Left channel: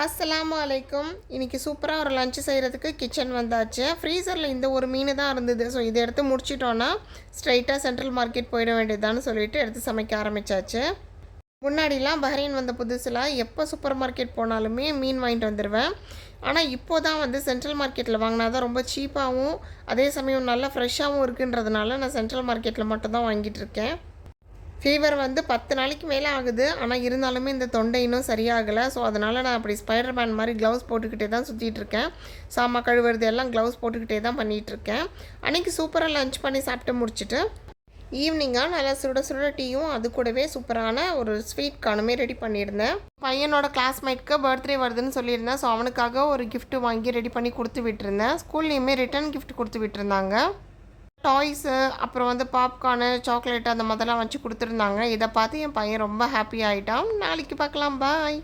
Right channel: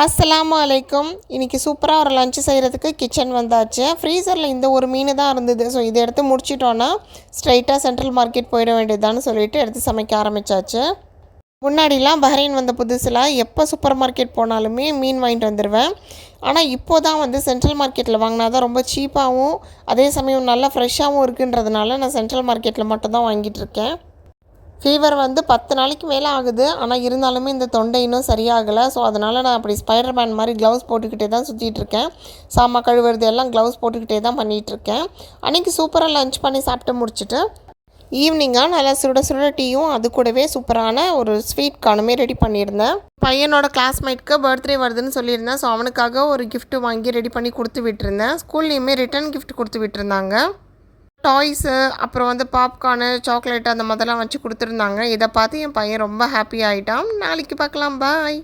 அஸ்ஸலாமு அலைக்கும். இன்றைக்கி சூப்பராக ஒரு லஞ்ச் செய்கிறதுக்கு கிச்சன் வந்தாச்சு. ஃப்ரீசரில் இந்த ஒரு மீன் தான் இருந்தது. ஸோ இதை எடுத்து முடிச்சிட்டோன்னா ஸ்ட்ரைட்டாக சென்ட்ரல் மார்க்கெட் போயிட வேண்டியதுதான்னு சொல்லிட்டு எடுத்து சமைக்க ஆரம்பித்தாச்சு. முன்னாடிலாம் பஹ்ரைன் வந்த புதுசில் எப்போ சூப்பர் மார்க்கெட் போனாலுமே மீன் வாங்கிட்டு வந்துடுவேன். ஆனால் இப்போ தான் சென்ட்ரல் மார்க்கெட்டில் வாங்கினா தான் ரொம்ப சீப்பாகவும் அதே சமயம் நல்லா ஃப்ரெஷ்ஷாகவும் இருக்குன்றதுனால நான் சென்ட்ரல் மார்க்கெட்டில் மட்டும்தான் வாங்கிட்டுருக்கேன். ஃபீவர் 10 நாளைக்கு மேலே ஆகுது. ஆனால் இருந்தாலுமே இந்த தொண்டை இன்னும் சரியாகலை. ஸோ அதனால் நான் அப்படி ஸ்பைடர் மேன் மாதிரி க்ளவுஸ் போட்டுக்கிட்டே தான் சுற்றிட்டுருக்கேன். சாமான் கழுவுறது எல்லாம் க்ளவுஸ் போட்டுக்கிட்டே தான் பண்ணிகிட்ருக்கேன். அன்றைக்கி சூப்பராக லஞ்ச் பண்ணி சாப்பிட்டு முடிச்சுட்டு ஈவினிங்காக நல்லா சுட சுட டீயும் அது கூடவே சூப்பரான ஒரு ஸ்வீட் கார்னுமே ரெடி பண்ணியிருந்தேன். பையனோட கிளாஸ்மேட்க்கு பர்த்டே வருதுன்னு சொல்லியிருந்தேன். ஸோ அவனுக்காக ஒரு கிஃப்ட் வாங்கி ரெடி பண்ணி கொடுத்து விட்டுருந்தேன். ஸ்கூல்லேயுமே ரிட்டன் கிஃப்ட் கொடுத்து விட்டுருந்தாங்க. டாய்ஸு அப்புறம் பாப்கார்னு சாக்லேட்டு அந்த மாதிரிலாம் வச்சு கொடுத்துருந்தாங்க. இதை பார்த்து என் பையன் ரொம்ப ஹாப்பி ஆகிட்டான். நாளைக்கு பார்க்கலாம். பாய்.